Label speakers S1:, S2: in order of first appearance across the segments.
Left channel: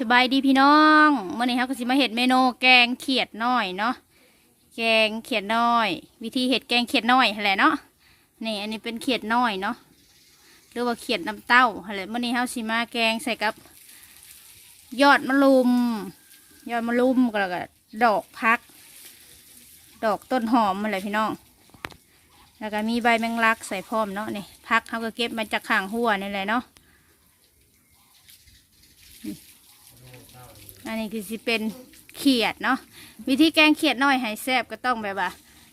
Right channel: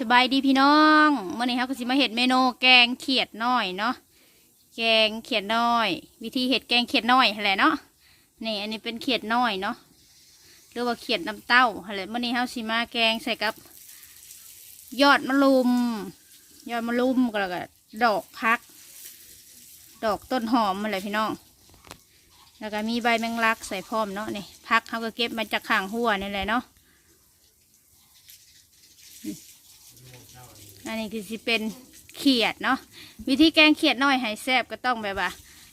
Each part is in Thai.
S1: สบายดีพี่น้องเมื่อนี้เขาก็สิมาเห็ดเมนูแกงเขียดน้อยเนาะแกงเขียดน้อย วิธีเห็ดแกงเขียดน้อยแหละเนาะนี่ อันนี้เป็นเขียดน้อยเนาะหรือว่าเขียดน้ำเต้าหั่นแหละเมื่อนี้เขาสิมาแกงใส่กับ ยอดมะลุม ยอดมะลุมก็แล้วก็ดอกพัก ดอกต้นหอมมาเลยพี่น้อง แล้วก็มีใบแมงลักใส่พร้อมเนาะนี่พักเขาก็เก็บมาจากข้างหัวนี่แหละเนาะ อันนี้คือสิเป็นเขียดเนาะวิธีแกงเขียดน้อยให้แซ่บก็ต้องแบบว่า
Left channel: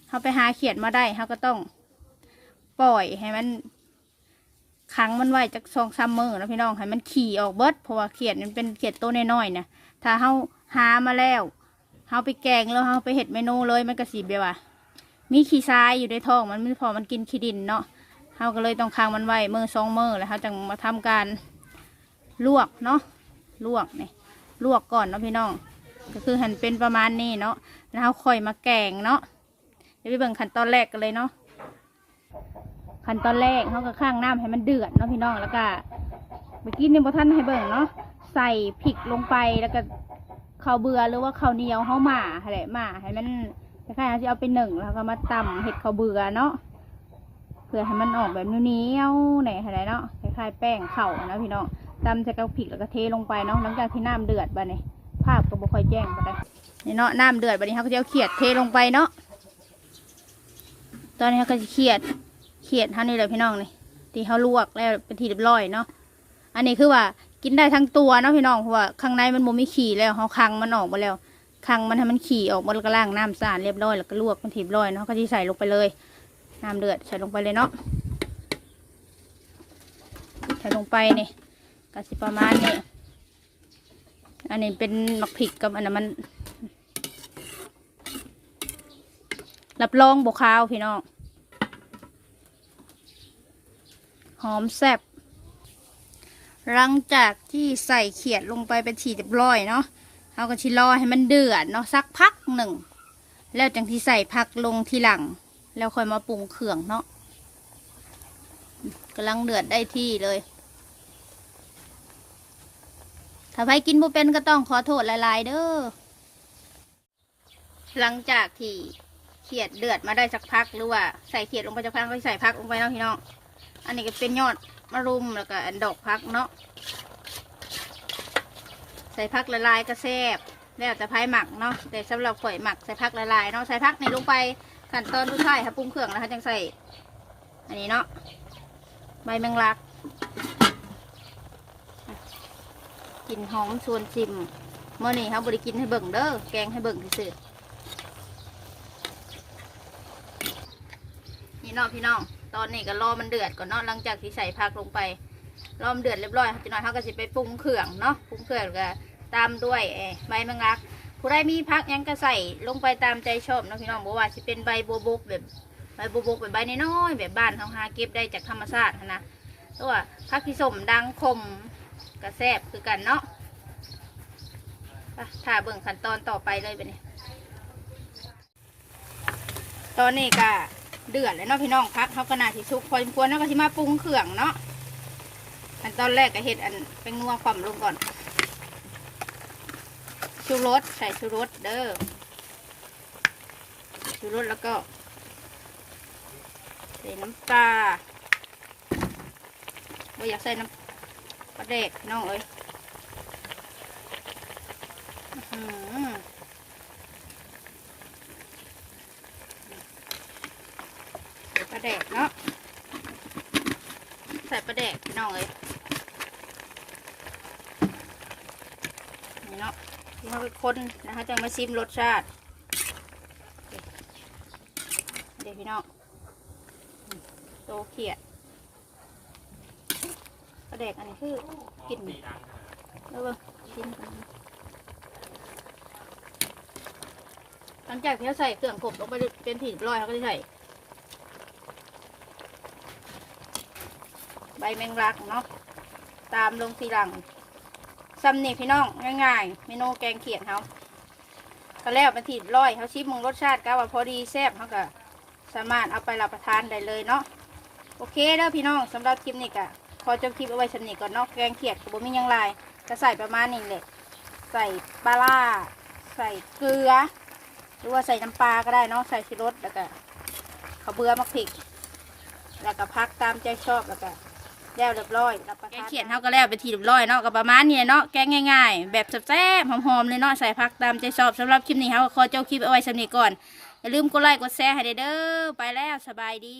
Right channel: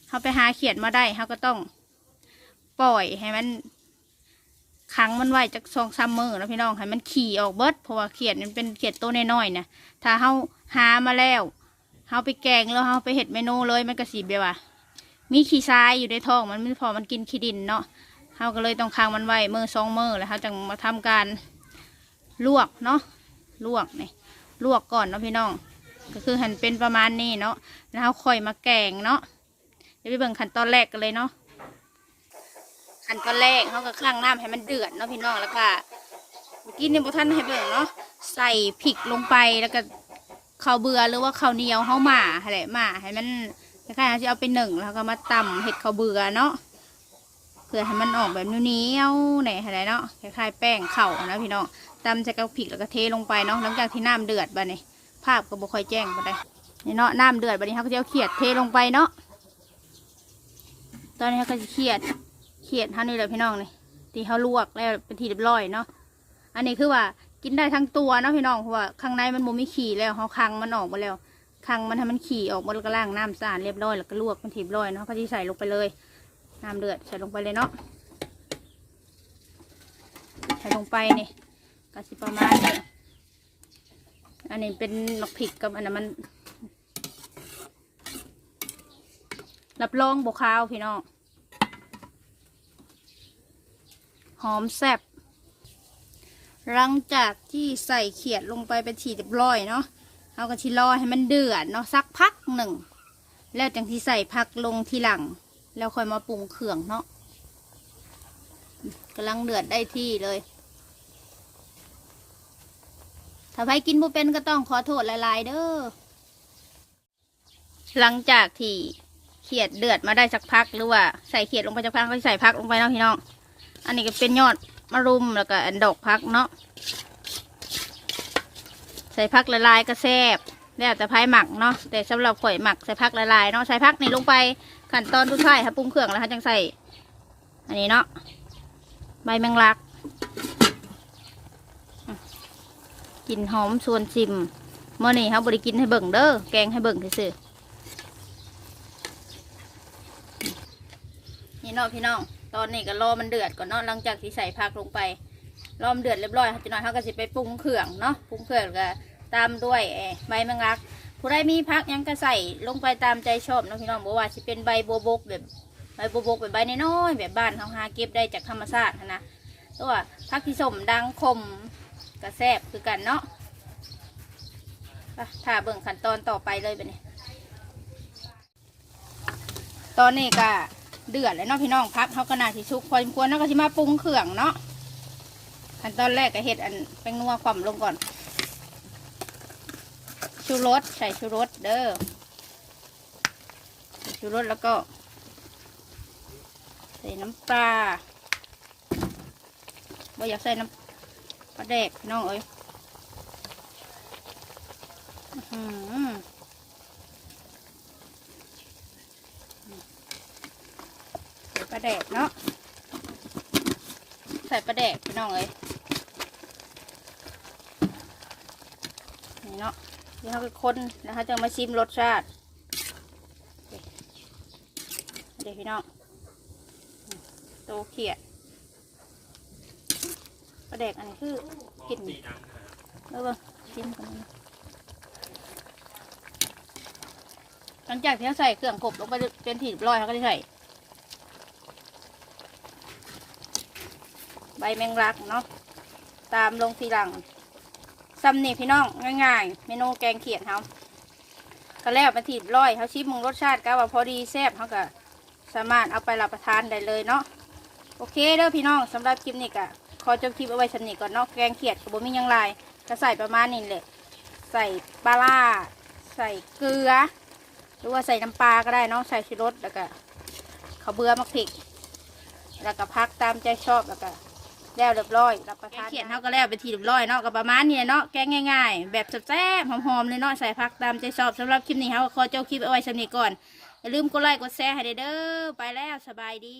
S1: เขาไปหาเขียดมาได้เขาก็ต้องปล่อยให้มันขังมันไว้จากซองซัมเมอร์นะพี่น้องให้มันขี่ออกเบิดเพราะว่าเขียดมันเป็นเขียดตัวน้อยๆนะถ้าเขาหามาแล้วเขาไปแกงแล้วเขาไปเห็ดเมนูเลยมันก็สีแบบว่ามีขี้ทรายอยู่ในท้องมันไม่พอมันกินขี้ดินเนาะเขาก็เลยต้องค้างมันไว้มือสองเมือแล้วเขาจึงมาทำการลวกเนาะลวกเนี่ย ลวกก่อนเนาะพี่น้อง ก็คือหั่นเป็นประมาณนี้เนาะแล้วเราค่อยมาแกงเนาะเดี๋ยวไปเบิ่งขั้นตอนแรกกันเลยเนาะขั้นตอนแรกเขาก็ข้างน้ำให้มันเดือดเนาะพี่น้องแล้วก็เมื่อกี้นี่บท่านให้เบิ่งเนาะใส่พริกลงไปแล้วก็ข้าวเบื่อหรือว่าข้าวเหนียวเขาหมาอะไรหมาให้มันคล้ายๆที่เอาไปหนึ่งแล้วก็มาตำเห็ดข้าวเบื่อเนาะ พื่อให้มันออกแบบเหนียวๆไหนอะไรเนาะคล้ายๆแป้งเข่านะพี่น้องตำใส่กระพริกแล้วก็เทลงไปเนาะหลังจากที่น้ำเดือดบานี่ยภาพก็บ่ค่อยแจ้งไปได้นี่เนาะน้ำเดือดบานี้เขาก็จะเอาเขียดเทลงไปเนาะตอนนี้เขาก็จะเขียดเขียดเท่านี้เลยพี่น้องนี่ที่เขาลวกแล้วเป็นทีเรียบร้อยเนาะอันนี้คือว่ากินได้ทั้งตัวเนาะพี่น้องเพราะว่าข้างในมันบ่มีขี่แล้วเขาคังมันออกมาแล้วคังมันให้มันขี่ออกมาแล้วก็ล้างน้ำสะอาดเรียบร้อยแล้วก็ลวกเป็นทีเรียบร้อยเนาะก็จะใส่ลงไปเลย น้ำเดือดใส่ลงไปเลยเนาะใส่ลงไปนี่ก็สิประมาณนี้อันนี้เป็นมักผิกกับอันนั้นมัน รับรองบกขาวพี่น้องหอมแซ่บหลังจากที่ใส่เขียดลงไปเป็นฉีดเรียบร้อยเนาะเอาก็ชิรอให้มันเดือดเนาะสักพักหนึ่ง แล้วจังที่ใส่ผักลงทีหลัง แล้วค่อยมาปรุงเครื่องเนาะกำลังเดือดได้ที่เลย ถ้าใครกินบ่เป็นก็ต้องขอโทษหลายๆเด้อ หลังจากที่เขียดเดือดมาได้สักพักหรือว่าใส่เขียดลงไปสักพักก็ใส่พักลงไปเนาะพี่น้อง อันนี้ก็เป็นยอดมะรุมแล้วก็อันดอกพักเนาะ ใส่พักละลายก็แซ่บแล้วแต่ไพ่หมักเนาะแต่สำหรับข่อยหมักใส่พักละลายเนาะใส่พักนี่ลงไป ขั้นตอนทุกท้ายถ้าปรุงเครื่องแล้วเขาจังใส่อันนี้เนาะใบแมงลักกลินหอมชวนชิมเมื่อนี้เขาบบริกินให้เบิ่งเด้อแกงให้เบิ่งซื่อนี่เนาะพี่น้องตอนนี้ก็รอมันเดือดก่อนเนาะหลังจากที่ใส่ผักลงไปรอมันเดือดเรียบร้อยจีน้อยเขาก็สิไปปรุงเครื่องเนาะปรุงเครื่องก็ตามด้วยใบแมงลัก ผู้ใดมีผักยังก็ใส่ลงไปตามใจชอบเนาะพี่น้องบอกว่าสิเป็นใบโบบกแบบใบโบบกแบบใบน้อยๆแบบบ้านเขาหาเก็บได้จากธรรมชาตินะตัวผักที่สมดังคมกระแซบคือกันเนาะไปถ้าเบิ่งขั้นตอนต่อไปเลยไปเนี่ยตอนนี้ก็เดือดแล้วเนาะพี่น้องพักเขาขนาดที่ชุกพอสมควรเนาะก็ที่มาปรุงเครื่องเนาะขั้นตอนแรกก็เห็ดอันแป้งนัวความลงก่อน ชูรสใส่ชูรสเด้อชูรสแล้วก็ใส่น้ำปลาเราอยากใส่น้ำปลาแดกน้องเอ้ยปลาแดกเนาะ ใส่ปลาแดกพี่น้องเอ้ยนี่เนาะ ที่เขาไปคนนะคะจะมาชิมรสชาติ เดี๋ยวพี่น้องโตเขียดปลาแดกอันนี้คือกินแล้วก็กินกันหลังจากที่เราใส่เครื่องผมลงไปเป็นถี่เรียบร้อยเขาก็จะใส่ใบแมงลักเนาะตามลงทีหลัง ซัมนี่พี่น้องง่ายๆเมนูแกงเขียดเขาก็แล้วเป็นถีบร้อยเขาชิมมึงรสชาติก็ว่าพอดีแซ่บเขาก็สามารถเอาไปรับประทานได้เลยเนาะโอเคเด้อพี่น้องสำหรับคลิปนี้ก็ขอจบคลิปเอาไว้สำนิทก่อนเนอกแกงเขียดกับบะมี่ยังลายก็ใส่ประมาณนี้เลยใส่ปลาร้าใส่เกลือ หรือว่าใส่น้ำปลาก็ได้เนาะใส่ชูรสแล้วก็ข้าวเบื่อมะพริก แล้วก็พักตามใจชอบแล้วก็ แล้วเรียบร้อยรับประทานแกเขียนเท่าก็แล้วไปนทีเรียบร้อยเนาะก็ประมาณนี้เนาะแกงง่ายๆ แบบแซ่บๆหอมๆเลยเนาะใส่พักตามใจชอบสำหรับคลิปนี้เขาก็ขอเจ้าคลิปเอาไว้สำนี้ก่อนอย่าลืมกดไลค์กดแชร์ให้เด้อไปแล้วสบายดี